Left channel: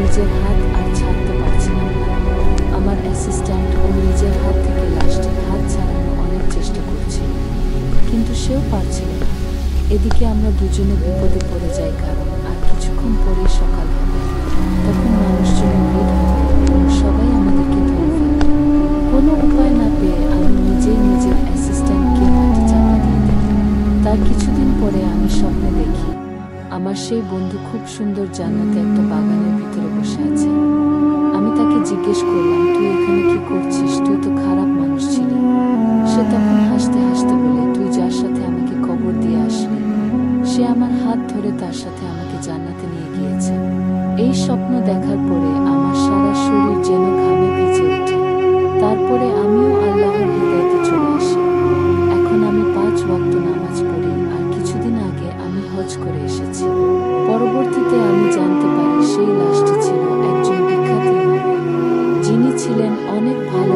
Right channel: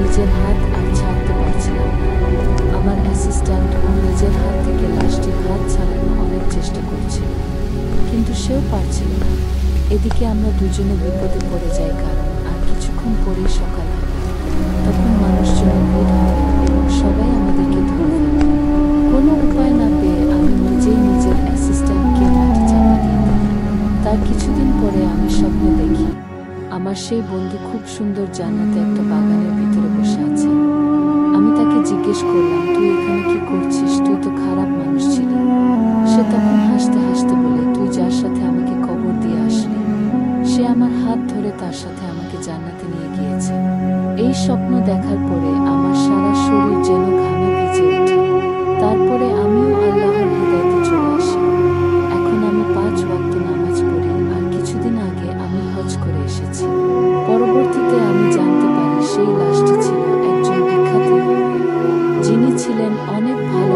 নিজের হাত আর ছাড়তে পারছিলাম না। আমার অ্যাসিস্ট্যান্ট ও নিজের হাত থেকে লাশটির হাত ছাড়ানো অনেক চেষ্টা করছিল, কিন্তু সেও পারছিল না। এদিকে আমরা দুজনে বিপদে পড়ে যাই, কারণ আর কিছুক্ষণ পরেই সকাল হবে। তখন মানুষজনের ভিড় হবে এবং সবাই আমাদেরকে ধরে ফেলবে। কোনো উপায় না পেয়ে আমি নিজেই নিজের অ্যাসিস্ট্যান্টকে মাটি চাপা দিয়ে দিই। তার কিছুদিন পরে আমি স্বপ্নে দেখি আমার সেই বন্ধু খুব সুন্দর জান্নাতে একটা বাগানের ভিতরে বসে আছে। আমি তাকে জিজ্ঞেস করলাম, তুই এখানে কি করছিস? তুই তো খারাপ মানুষ ছিলি। সে তখন হাসতে হাসতে বলে, তুই যার সাথে আমাকে কবর দিয়ে আসলি, সে আমার হাত ধরে তার সাথে আমাকে জান্নাতে নিয়ে গিয়েছে। এই স্বপ্ন দেখার পরে আমার সারা শরীর যেন ঘামে ভিজে ওঠে। তারপরে আমিও আল্লাহর হেদায়েতে চলে আসি। এখন আমি 5 ওয়াক্ত নামাজ পড়ি, আর কিছুদিন আগে আমি হজ করে এসেছি। পরবর্তীতে আমি জানতে পারি সেই লাশটি ছিল একজন বিখ্যাত ইমামের, যিনি ছিলেন অনেক ভালো